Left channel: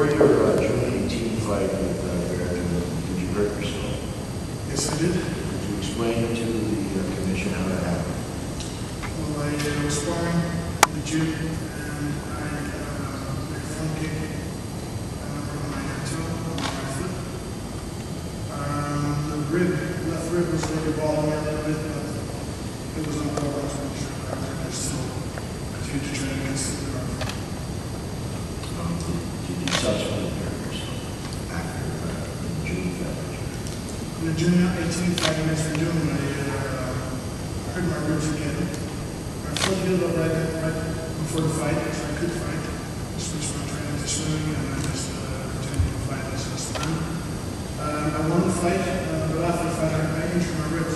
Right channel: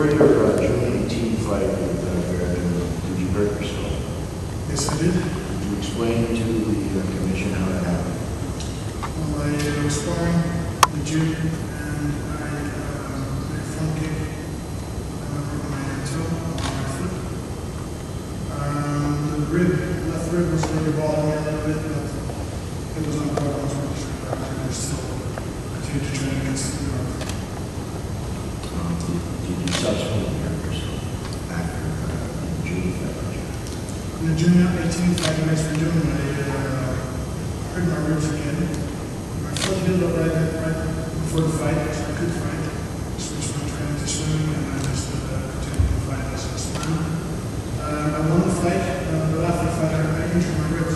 Before your June 18 fight with Baird, did you hurt yourself? Yes, I did. Could you explain to the commission how that happened? Well, I was sparring in the gym and I made a front kick. I broke my toe on my foot. The left rib was maybe bothering me a little bit, but it was on problem. I was pretty sure that I still continued to train against the guard. Did you subsequently hurt yourself after the June fight? In the June 18 fight against Verdun, I hurt my ribs again. My foot healed up right before the fight, so I could fight. Switched my training to swimming, and I just continued to fight as last time. I won the fight, but after the fight, I injured my ribs.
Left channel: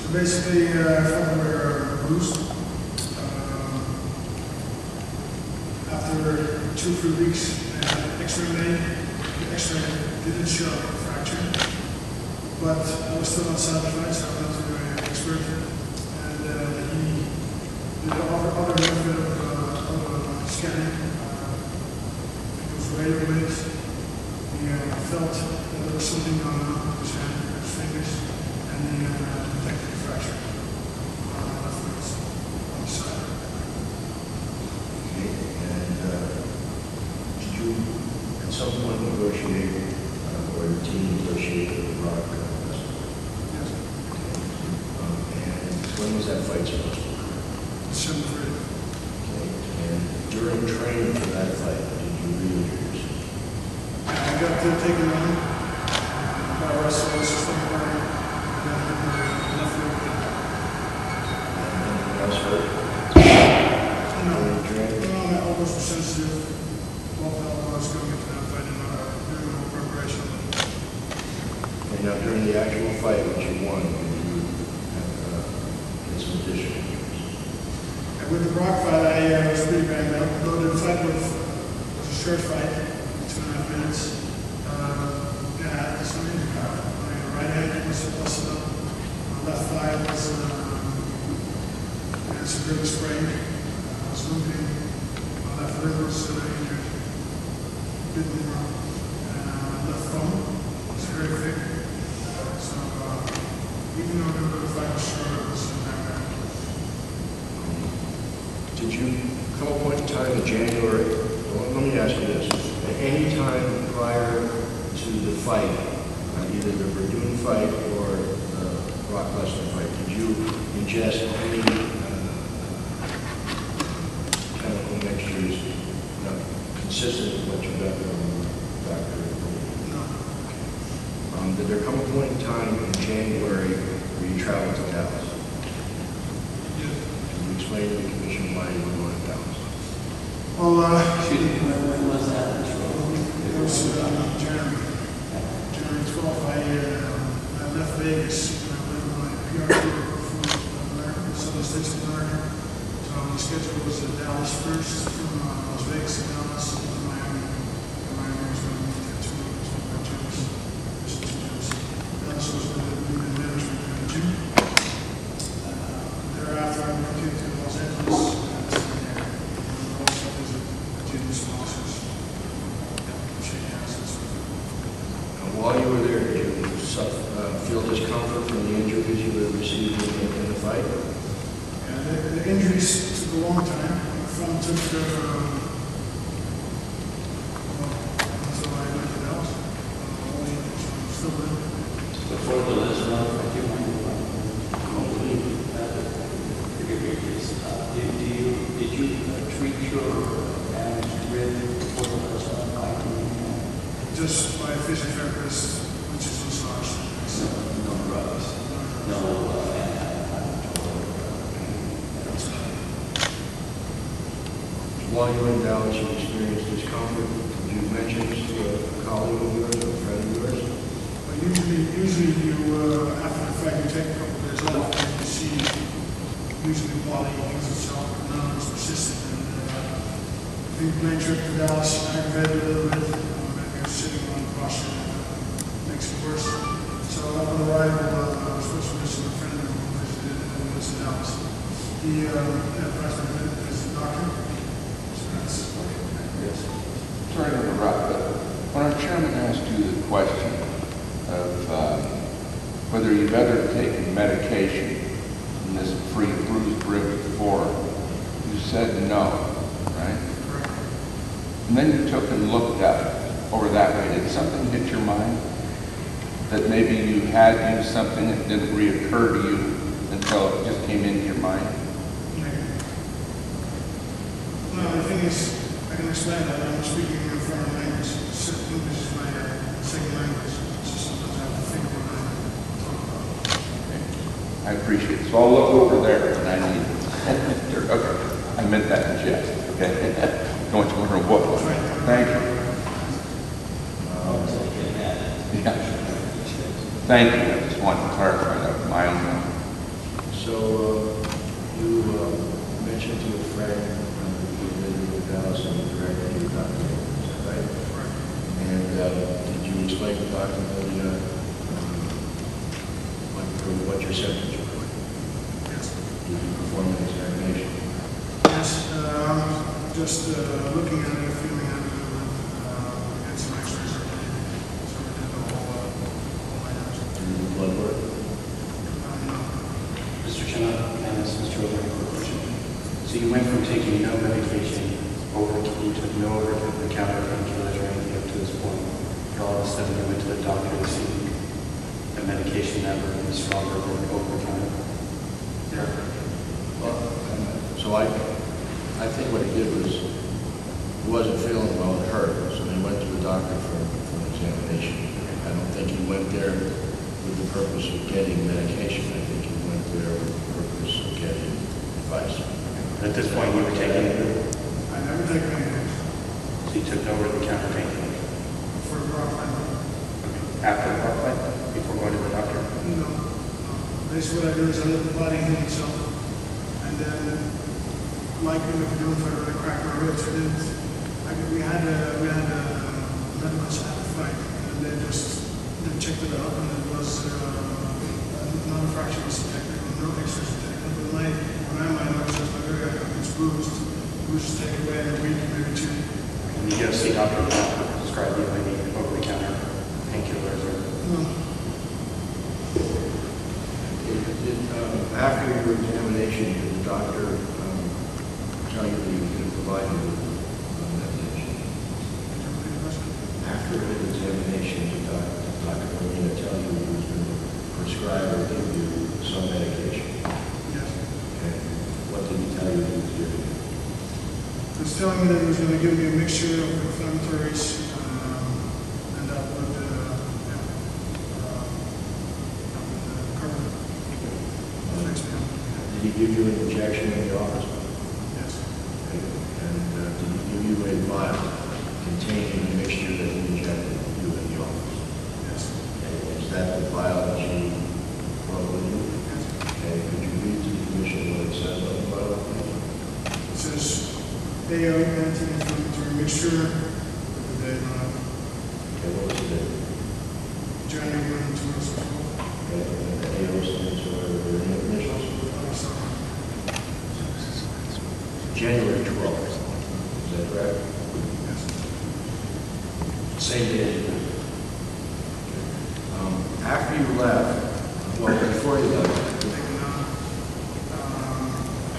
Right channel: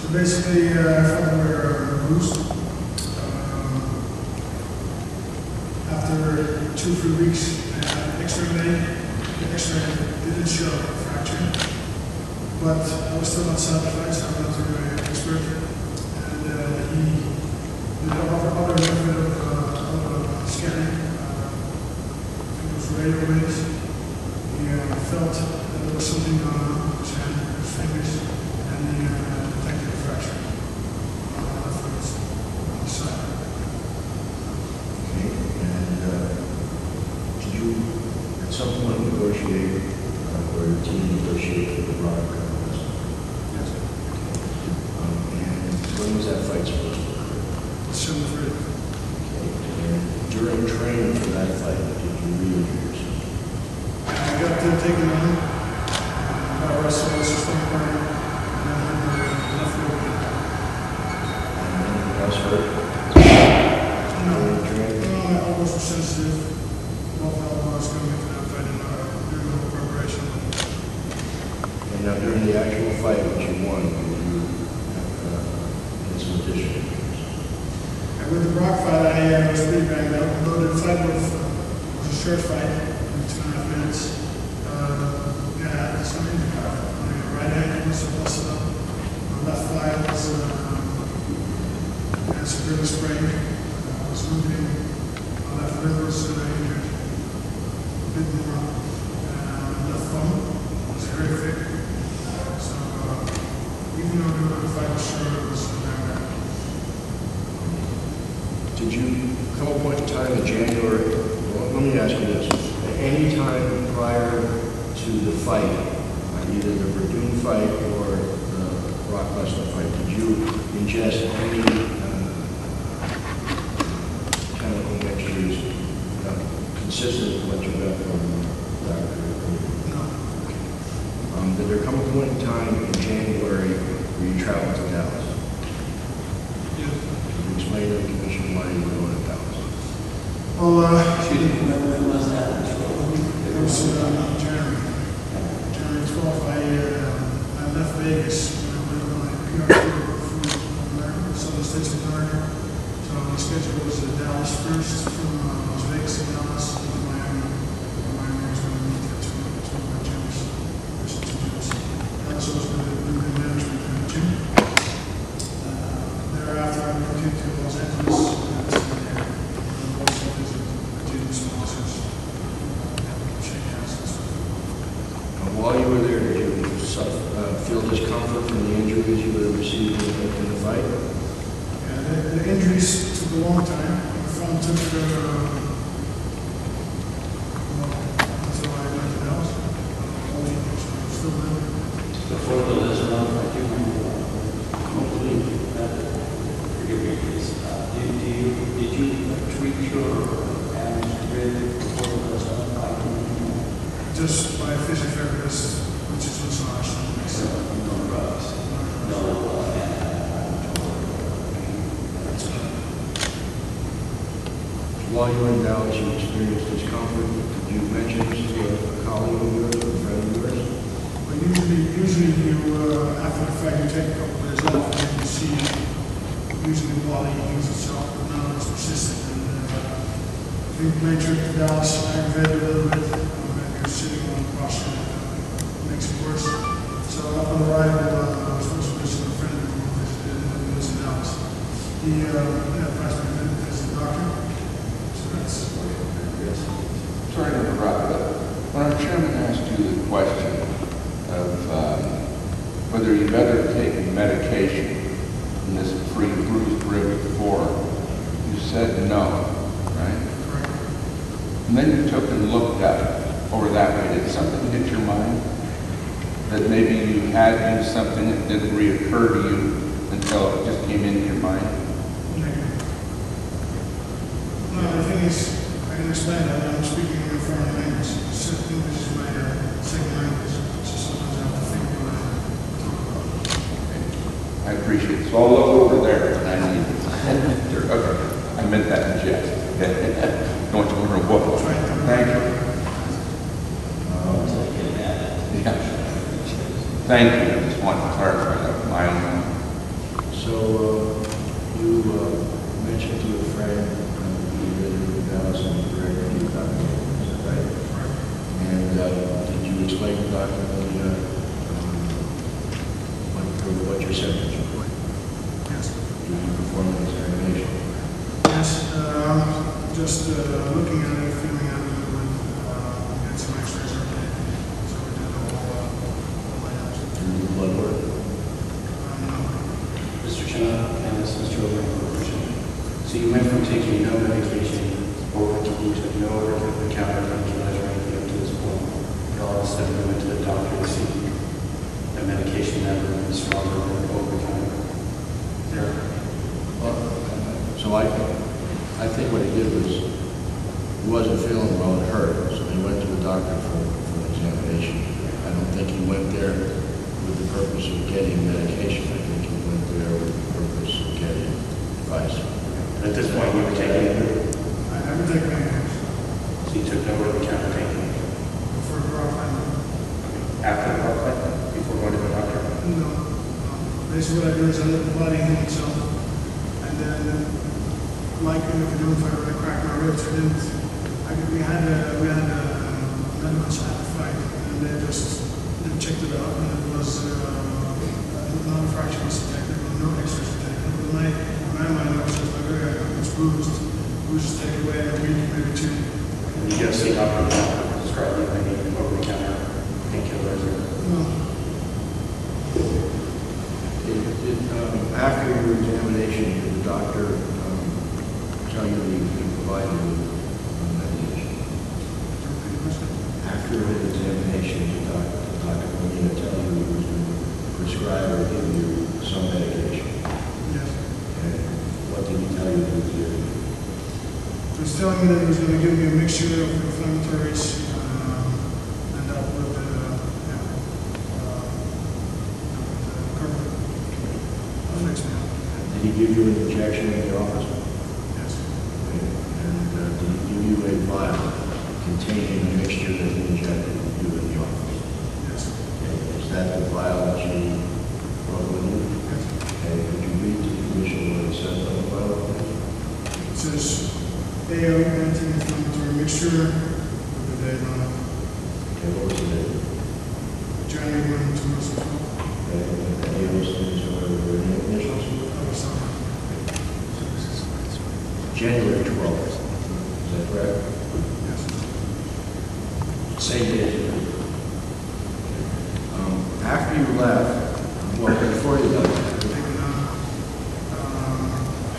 So basically, I felt they were bruised. After 2 or 3 weeks, I had an X-ray made. The X-ray didn't show a fracture, but I was still not satisfied, so I went to an expert, and he did other method of scanning. I think it was radio waves. He felt that there was something going on with his hand, his fingers, and he detected a fracture on the left foot on the side. Okay, and did you at some point negotiate, or your team negotiate for the Rock wrestling? Yes. Okay. And when was that fight supposed to occur? December 3rd. Okay, and during training for that fight, did you re-injure yourself? I got taken on by a wrestler, was just on the line, and then hurt my left rib again. And anything else hurt? No, my elbows were sensitive. Both elbows going into that fight and doing a little preparation. And now during the actual fight, which you won, did you get some additional injuries? And with the Brock fight, I was pretty banged up. Although the fight was a short fight, 2.5 minutes. Yeah, I had some injury. My right ankle was busted up. My left thigh was severely sprained. I was limping. My left rib was injured a bit more. My left thumb was very thick. So even though the fight was short, it was bad. Did you come a point in time in January? Well, let me ask you this. At any time prior to the fight, either the Verdun fight or the Rock Wrestling fight, did you ingest any chemical mixtures consistent with what you got from Dr. Overeem? No. Did there come a point in time in January where you traveled to Dallas? Yes. Can you explain to the commission why you were going to Dallas? Well, Excuse me, when was that? it was January 12th. I left Vegas when I went on my PR tour for America, Southern States of America. So my schedule was Dallas first, from Las Vegas to Dallas, to Miami. And Miami was going to meet there two of my gyms, two gyms. Dallas was going to do the management in the gym. Thereafter, I continued to Los Angeles and I also visit gym sponsors, shake hands and so forth. And while you were there, did you feel discomfort from the injuries you would have received in the fight? Yeah, the injuries took a long time. My phone took until I went to Dallas. All the injuries, I'm still there. Before the last month, I do remember forgive me, please. Did you treat your damaged rib before the last month? Just by a physiotherapist, which is massage. No drugs. No While you were in Dallas, you experienced discomfort. Did you mention this to a colleague of yours or a friend of yours? But usually you, after the fight, you take a couple of days off and you see usually the body heals itself, but now it's persistent. And I think the plane trip to Dallas aggravated a little bit. You're sitting on the posture, makes it worse. So upon arrival, I was supposed to visit a friend who lives in Dallas. He advised me to visit the doctor. So that's yes. Sorry to interrupt, but question of whether you've ever taken medication from this free bruised rib before. You said no, right? Correct. And then you took and looked at it over that way. Did something hit your mind? That maybe you had used something that didn't reoccur to you until it just came into your mind? Negative. No, the thing is, I can explain that I'm speaking in a foreign language. English is my second language, so sometimes I have to think what I talk about. Okay. I appreciate it. So I'll look over there when I need it. Okay. I meant that in jest. Okay. Don't want you wondering what. Thank you. Yeah. Thank you. I just wanted to clarify that with my own mind. So you mentioned to a friend you lived with Alistair and directed you Dr. Miller, is that right? Right. And did you explain to Dr. Miller what your symptoms were? Yes. Did you perform an examination? Yes. Just looking at it, feeling at it, we had some x-rays every day. So we did the whole items. Did you do blood work? No. Mr. Chenna, and this is Mr. Overeem. So you went from taking no medication over to you took no over-the-counter painkillers or anything up to this point. And all of a sudden you went to the doctor to see a medication that would be stronger than over-the-counter. Yeah. Well, so I think what he did was he wasn't feeling well, it hurt, so he went to the doctor for an examination. I don't think he went there with the purpose of getting medication. I think he went there with the purpose of getting advice. And at this point you were taking, I never take painkillers. so you took no over-the-counter painkillers. For a rock climber. Okay. After the heart fight? Before going to the doctor? No. Basically what I do is I let the body heal itself. And then, like in the canoe fight where I cracked my ribs, we had a medical staff fight, and they checked it out, and it was not a fracture was detected, no x-rays detected. But my mind was just like, okay, it's bruised. We'll just take it away in a week, maybe two. And you go see doctor to prescribe you any over-the-counter painkillers or? No. After your examination, did the doctor tell you that he was going to provide you with medication? Could you repeat the question? After his examination, did Dr. Molina tell you he was going to prescribe or give you some medication? Yes. And what did he tell you he was giving you? He was telling me that he was going to give me a mixture of inflammatories, and that would cover it. Fix me up. Did he give you an injection in the office? Yes. Okay. And did he give you a vial containing the mixture that he injected you in the office? Yes. Okay. Is that the vial that you brought with you? Yes. Okay. Could you read to the commission what it says on the vial, please? It says AO anti-inflammatory mixture with the date on it. Okay. What was the date? January 1, 2012. Okay. And the AO stands for the initials? Oh, sorry. January 12th. Is that correct? Yes. Same day as you left. After you left, well, before you left, Taken out.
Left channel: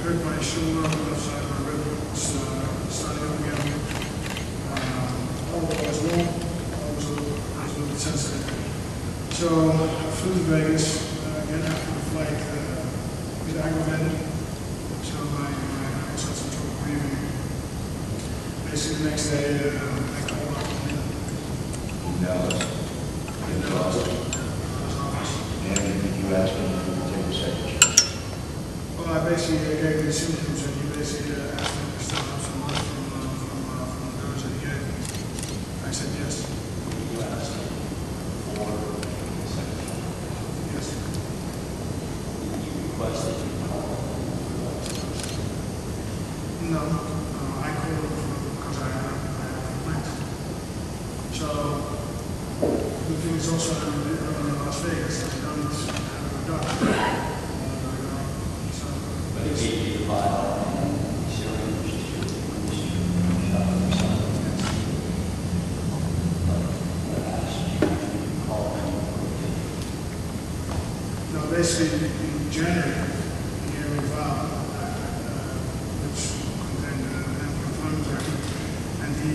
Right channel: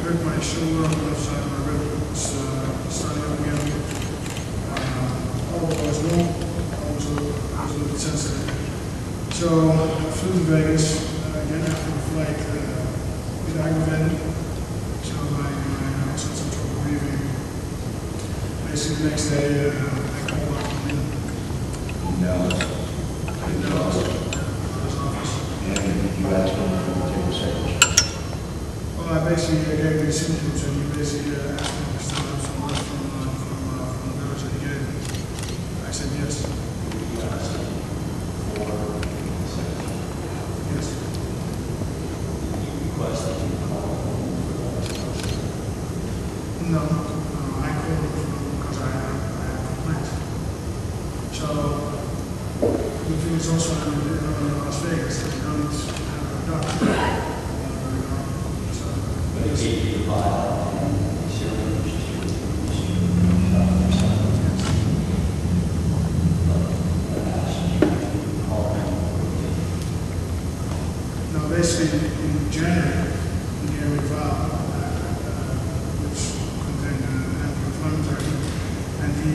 Hurt my shoulder on the left side of my rib. It's starting up again. All was wrong. I was a little bit sensitive. So I flew to Vegas. Again, after the flight, it aggravated. So I also had some trouble breathing. Basically, the next day, I called Dr. Molina. no, in the office. And did you ask him to take a second shot? Well, I basically gave him the symptoms, and he basically asked me to still have some left from the dose that he gave me. I said yes. You asked him for a second. Yes. You requested you call him for that. No, I called him because I have complaints. So the thing is also I'm in Las Vegas. I don't have a doctor. So But it gave you the vial and syringe to administer shot or something. But I asked you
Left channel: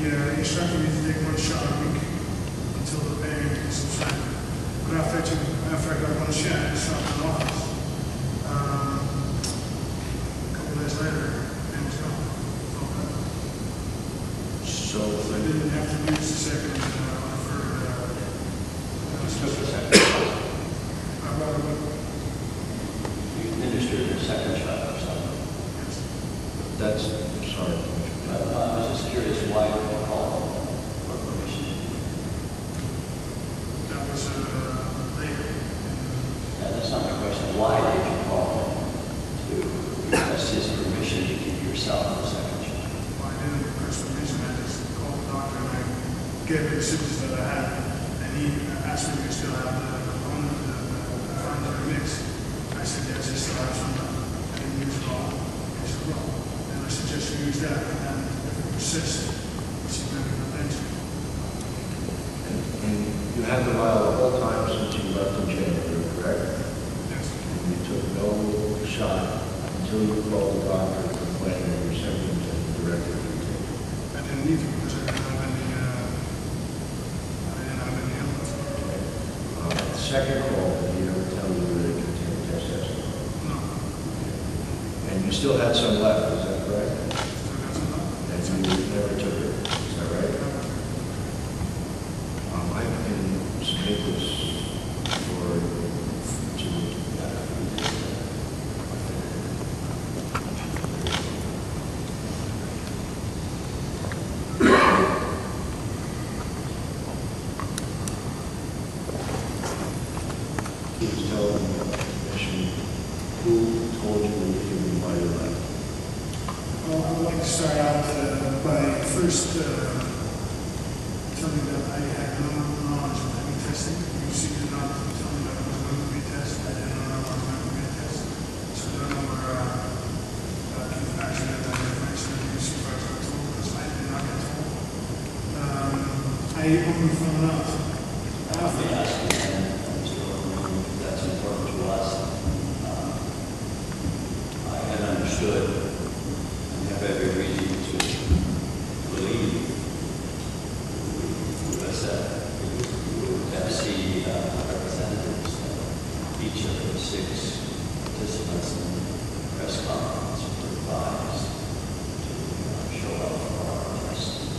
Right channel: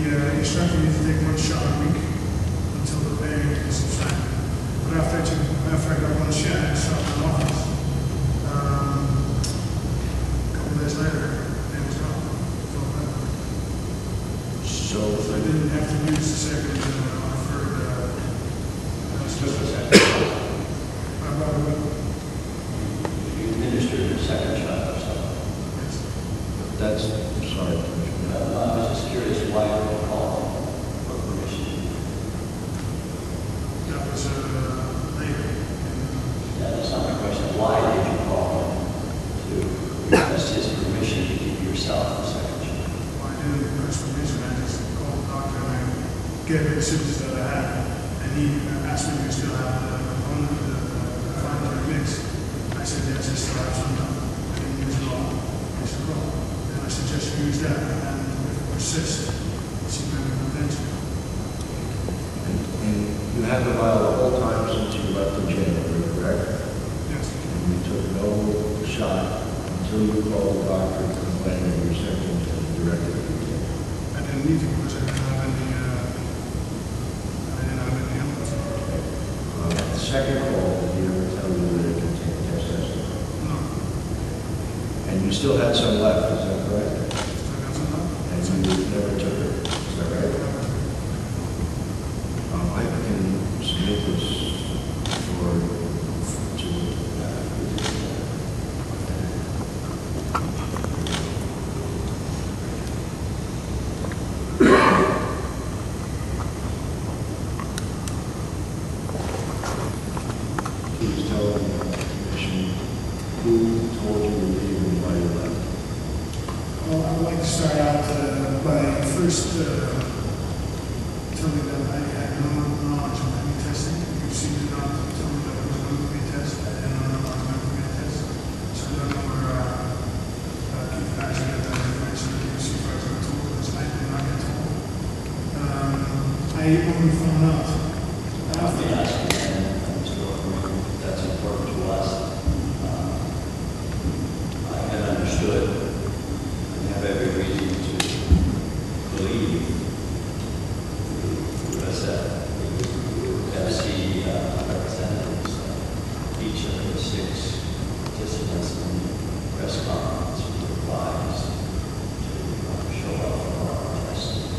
he instructed me to take 1 shot a week until the pain subsided. But after I got 1 shot in the office, a couple of days later, pain was gone. It felt better. So, So I didn't have to use the second Just a second. I brought it up. You administered your second shot or something. Yes. that's, I'm sorry, Commissioner. I was just curious why you called for permission. That was later. Yeah, that's not my question. Why did you call him to request his permission to give yourself a second shot? Well, I didn't request permission. I just called the doctor and I gave him the symptoms that I had. And he asked me if we still have the component, the inflammatory mix. I said, yes, I still have some. I didn't use it all. He said, well, then I suggest you use that. And if it persists, see medical attention. And you had the vial the whole time since you left in January, correct? Yes. And you took no shot until you called the doctor complaining of your symptoms and directed you to take it. I didn't need to because I didn't have any illness. The second call, did he ever tell you that it contained testosterone? No. And you still had some left, is that correct? Still got some left? And you never took it, is that right? I can submit this for, please tell the commission who told you to leave and why you left. Well, I would like to start out by first telling that I had no knowledge of any testing. You seem to not tell me that it was going to be a test. I didn't know it was going to be a test. So I don't know where Keith actually got that information that you see if I was told, because I did not get told. I only found out Let me after. ask you again, Mr. Overeem, if that's important to us. I had understood and have every reason to believe FC representatives, each of the 6 participants in the press conference were advised to show up for our testing.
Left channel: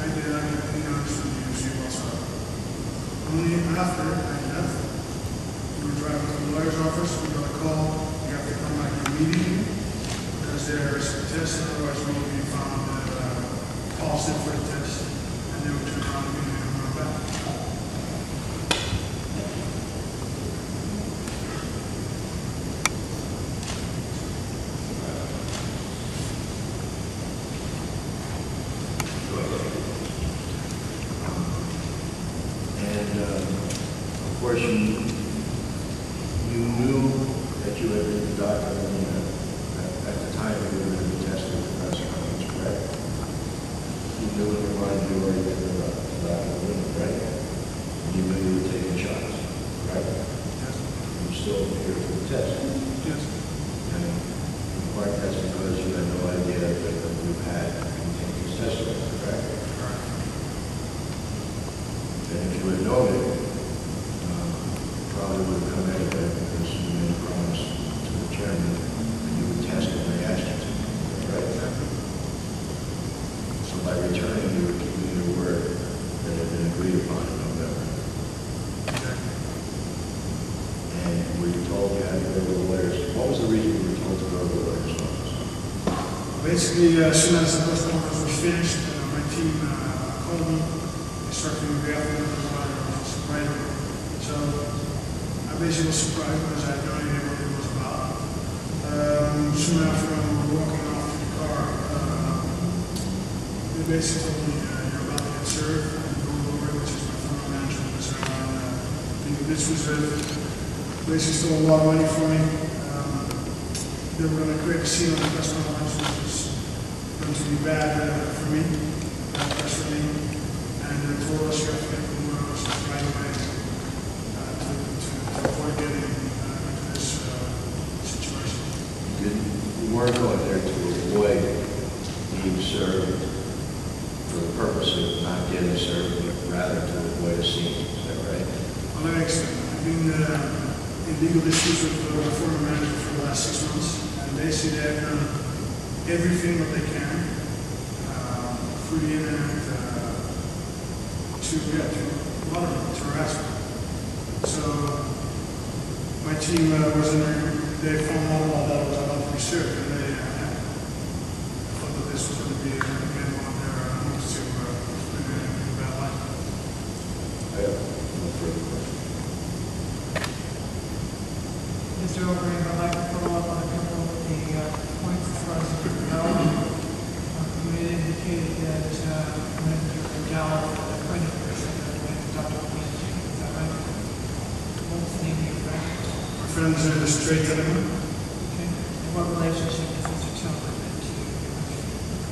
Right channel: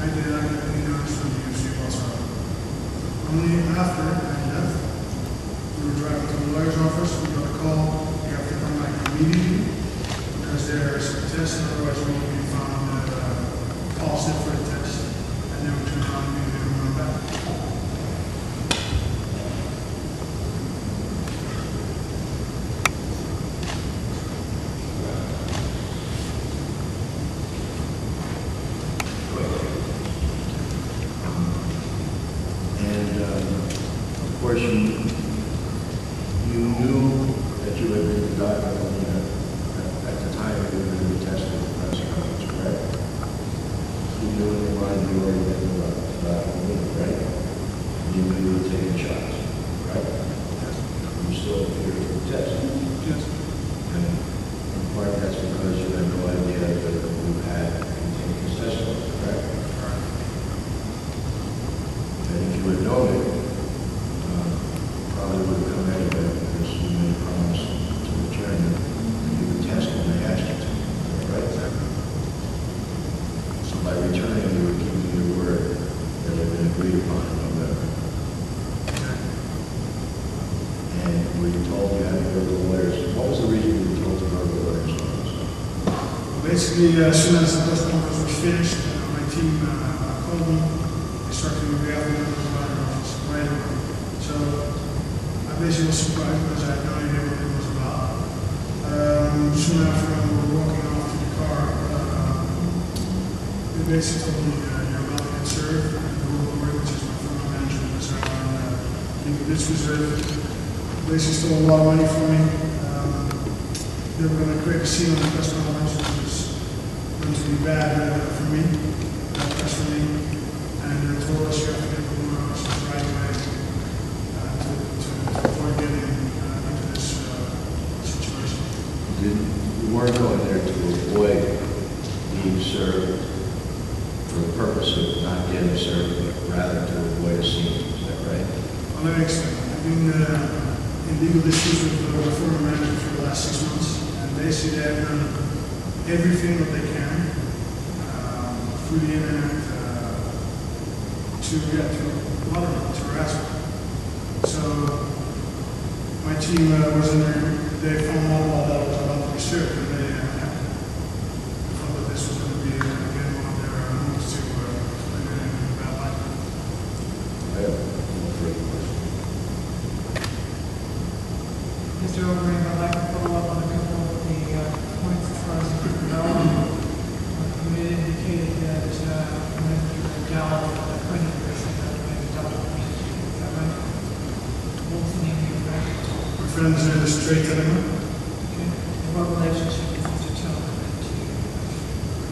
I did not get any notice from the UFC whatsoever. Only after I left, we were driving to the lawyer's office, we got a call, you have to come back immediately because there is a test, otherwise we will be found positive for the test. And then we turned around immediately and went back. And of course, you knew that you had been the doctor at the time you were going to be tested at the press conference, correct? You knew in your mind you already been the doctor, right? And you knew you were taking shots, right? Yes. You still appeared for the test. Yes. And in part, that's because you had no idea that you had contained testosterone, correct? Correct. And if you had known it, probably would have come anyway because you made a promise to the chairman that you would test when they asked you to. Is that right? Exactly. So by returning, you were keeping your word that had been agreed upon in November. Exactly. And were you told you had to go to the lawyers? What was the reason you were told to go to the lawyer's office? Well, basically, as soon as the press conference was finished, my team called me. They started to be out of the lawyer's office right away. So I basically was surprised because I had no idea what it was about. Soon after we were walking off to the car, they basically told me, you're about to get served. And the lawyer, which is my former manager, was around legal disputes with. Basically stole a lot of money from me. They were going to create a scene on the press conference, which was going to be bad for me, bad press for me. And told us you have to get the lawyer right away to avoid getting into this situation. You weren't going there to avoid being served for for the purpose of not getting served, but rather to avoid a scene. Is that right? Well, let me explain. I've been in legal disputes with my former manager for the last 6 months, and basically they have done everything that they can through the internet to bother me, to harass me. So my team was in there. They found out about that I was about to be served, and they thought that this was going to be again one of their moves to explain it in a bad light. I have no further questions. Mr. Overeem, I'd like to follow up on a couple of the points as far as you know. You had indicated that when you were in Dallas, a friend of yours said that when Dr. Queen, is that right? What was the name of your friend? My friend's name is Trey Telemann. Okay. And what relationship is Mr. Telemann to you?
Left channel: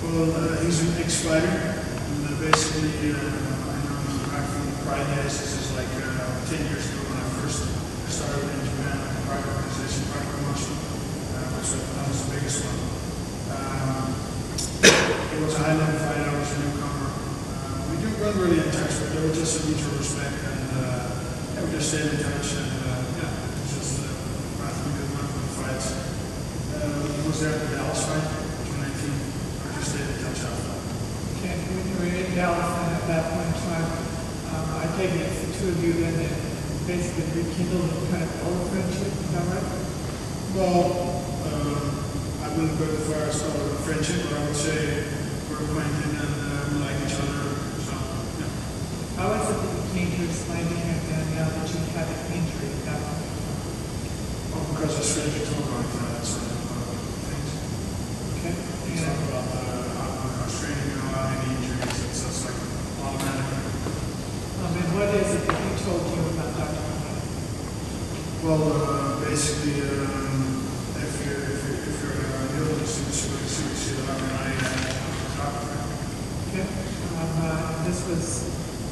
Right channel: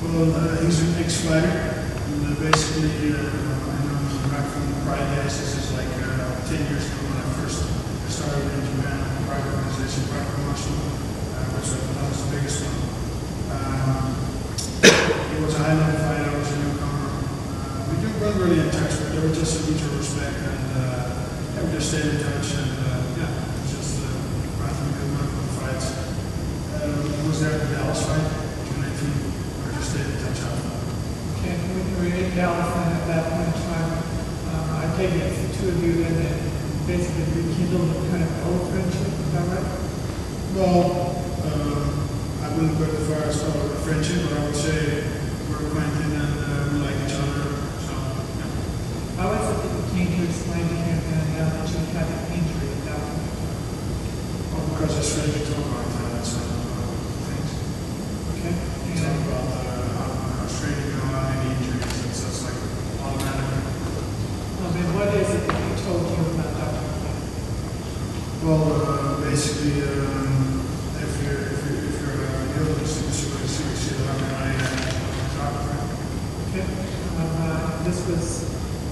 Well, he's an ex-fighter, and basically, I know him back from the Pride days. This is like 10 years ago when I first started in Japan, a private organization, private promotion, which I thought was the biggest one. He was a high-level fighter, I was a newcomer. We do run really in touch, but there was just a mutual respect, and we just stayed in touch, and yeah, it was just right from a good month for the fights. He was there at the Dallas fight, June 19. We just stayed in touch after that. Okay, when you were in Dallas and at that point in time, I take it it's the two of you then that basically rekindled a kind of old friendship, is that right? Well, I wouldn't go as far as call it a friendship, but I would say we're acquainted and we like each other. So, yeah. How is it that you came to explain to him now that you had an injury at that point? Well, because it's strange to talk about that sort of things. Okay. You talk about how strange you know how many injuries, it's like automatic. And what is it that he told you about Dr. Queen? Well, basically, if you're ill, you see that I doctor. Okay. This was,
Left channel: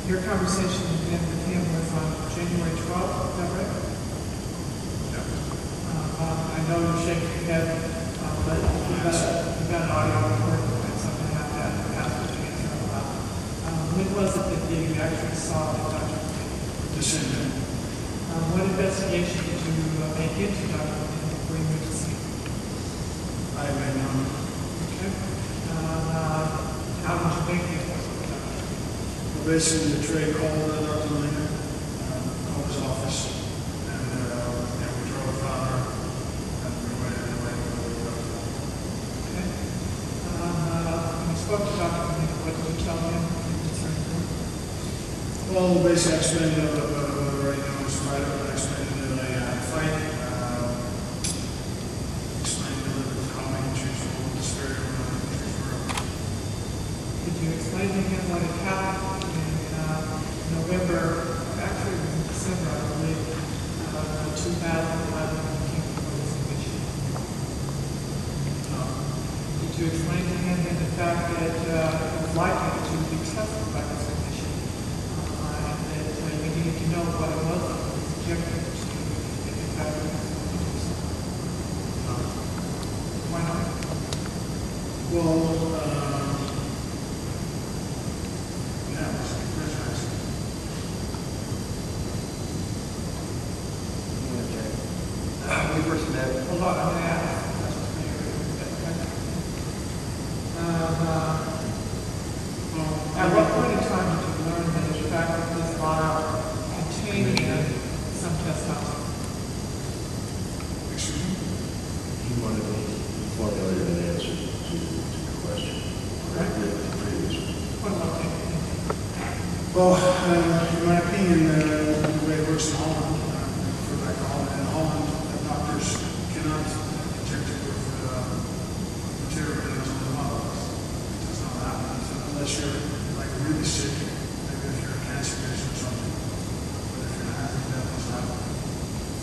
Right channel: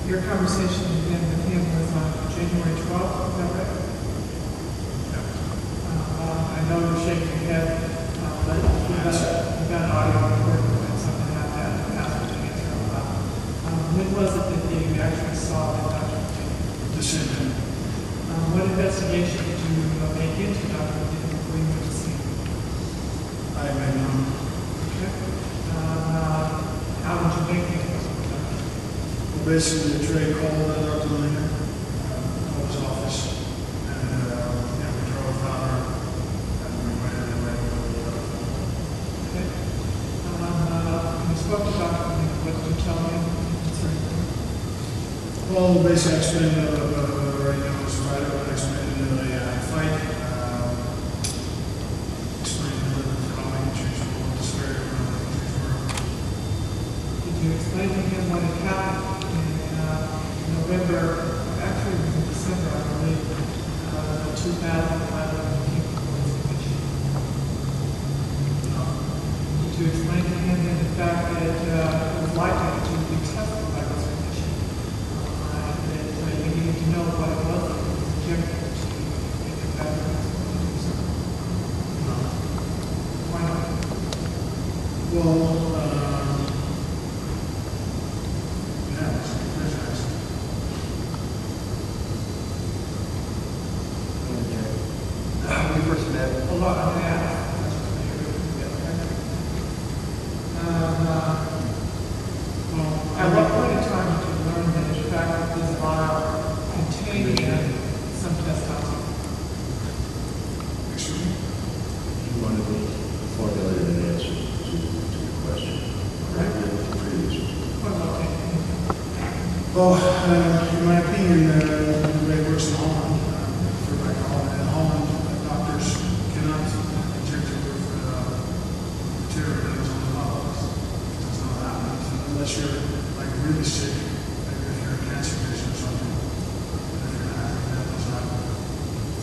your conversation then with him was on January 12th, is that right? Yeah. I know you're shaking your head, but you've got an audio recording when something happened to answer about. When was it that you actually saw Dr. Queen? December. What investigation did you make into Dr. Queen before you went to see him? I made none. Okay. How did you make the appointment with Dr. Queen? Well, basically, the Trey called Dr. Lehner, called his office, and yeah, we drove down there, and we went away. Okay. When you spoke to Dr. Queen, what did you tell him concerning him? Well, basically, I explained right now was a fighter, but I explained that I had a fight. Explained a little bit how my injuries were, what the severity of my injuries were. Did you explain to him what had happened in November, actually it was in December, I believe, 2011 when you came before this commission? No. Did you explain to him then the fact that it was likely that you would be tested by this commission and that you needed to know what it was that was injected to you if in fact it was going to do something? No. Why not? Well, yeah, it was a good question, actually. We first met. A lot of that. At what point in time did you learn that in fact this vial contained some testosterone? Excuse me? He wanted me to formulate an answer to your question. Right with the previous one. What about taking? Well, in my opinion, the way it works in Holland, for back to Holland, in Holland, doctors cannot inject you with material that is on the level. It does not happen unless you're like really sick, maybe if you're a cancer patient or something. But if you're not, that doesn't happen.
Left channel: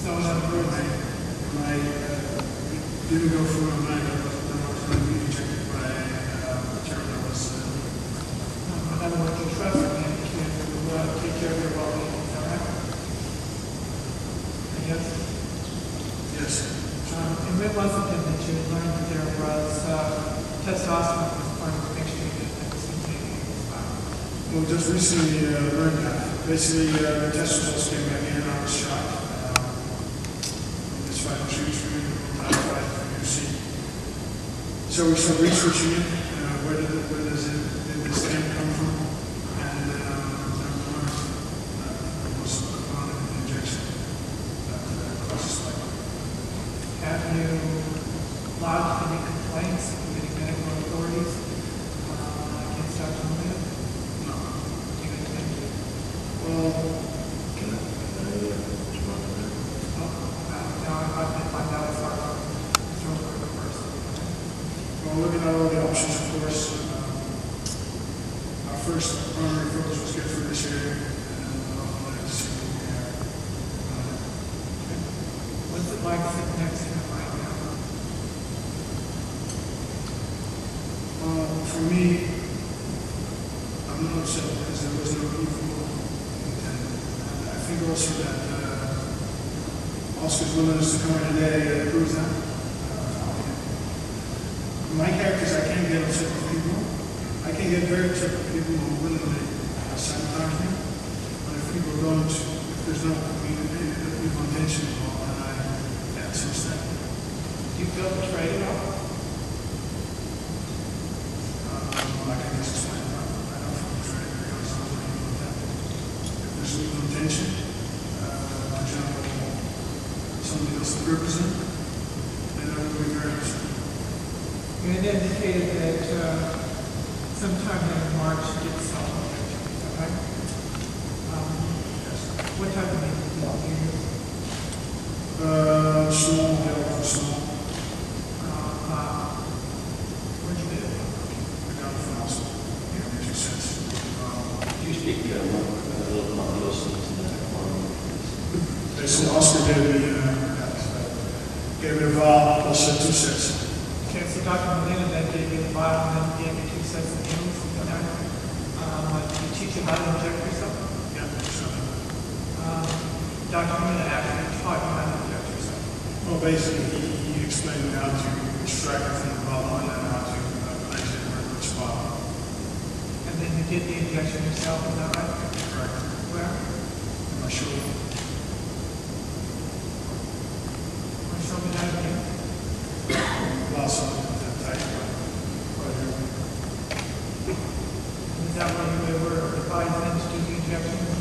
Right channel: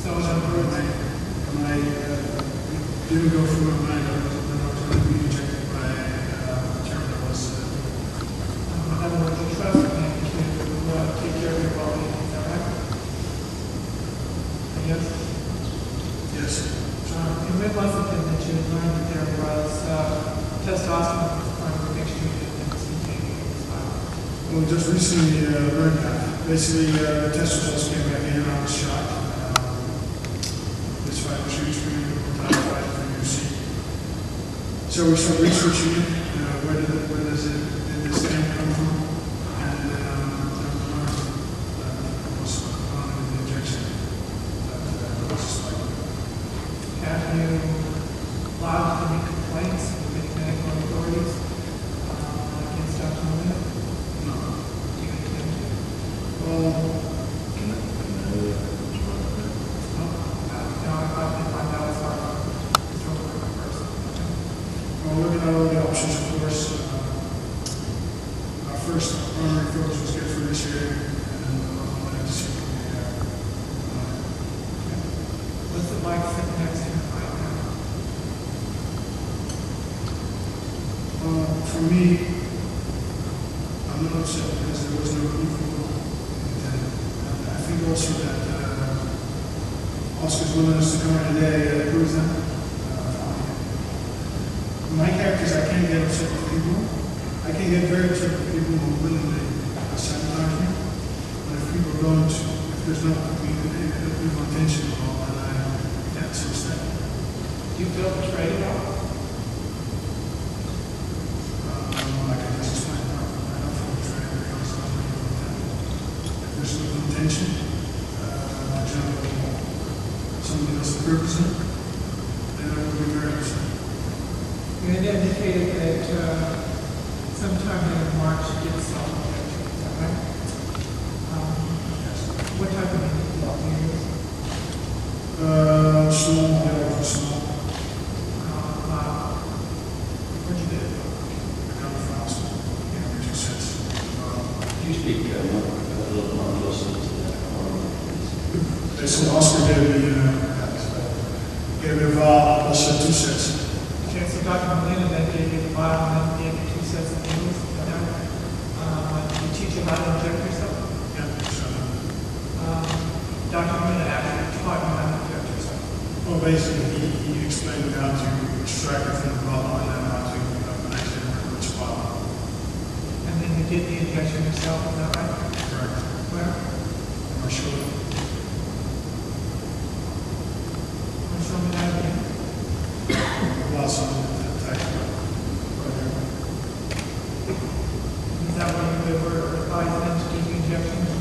So in other words, When I didn't go through my mind, that I was going to be injected by material that was in other words, you trust him to take care of your well-being, is that right? Yes? yes. And when was it then that you learned that there was testosterone as part of the mixture that was contained in this vial? Well, just recently learned that. Basically, the test results came back in and I was shocked. This fight was huge for me, the whole time fight for UFC. So we started researching it. Where does this camp come from? And I learned that it was a component of the injection that causes spike. Have you lodged any complaints with any medical authorities against Dr. Molina? No. Do you intend to? Well, Can I respond to that? I'd like to find out as far as Mr. Overeem first. well, looking at all the options, of course, our first primary focus was get through this year, and I'll let to see what we have. What's it like sitting next to him right now? For me, I'm not upset because there was no evil intended. And I think also that Oscar's willingness to come here today proves that. My characters, I can't get upset with people. I can get very upset with people who willingly sabotage me. But if people don't, if there's no evil intention involved, then I can't see that. Do you feel betrayed at all? I can just explain. I don't feel betrayed because there's no evil intent. If there's evil intention, for example, somebody else to represent, then I would be very upset. You had indicated that sometime in March you did self-injection, is that right? Yes. What type of needle did you use? Small, yellow, small. Where'd you get it from? I got it from hospital. Yeah, it makes sense. Could you speak a little more closely to that corner, please? They said Oscar gave me a valve, plus 2 sets. Okay, so Dr. Molina then gave you the bottle and then gave you 2 sets of needles. Is that right? Did he teach you how to inject yourself? Yeah, so, Dr. Molina actually taught you how to inject yourself. well, basically, he explained how to extract it from the bottle and then how to place it where it would spot. And then you did the injection yourself, is that right? Correct. Where? On my shoulder. Want to show me that again? Lots of it tight, right here. Is that where you were advised then to do the injection?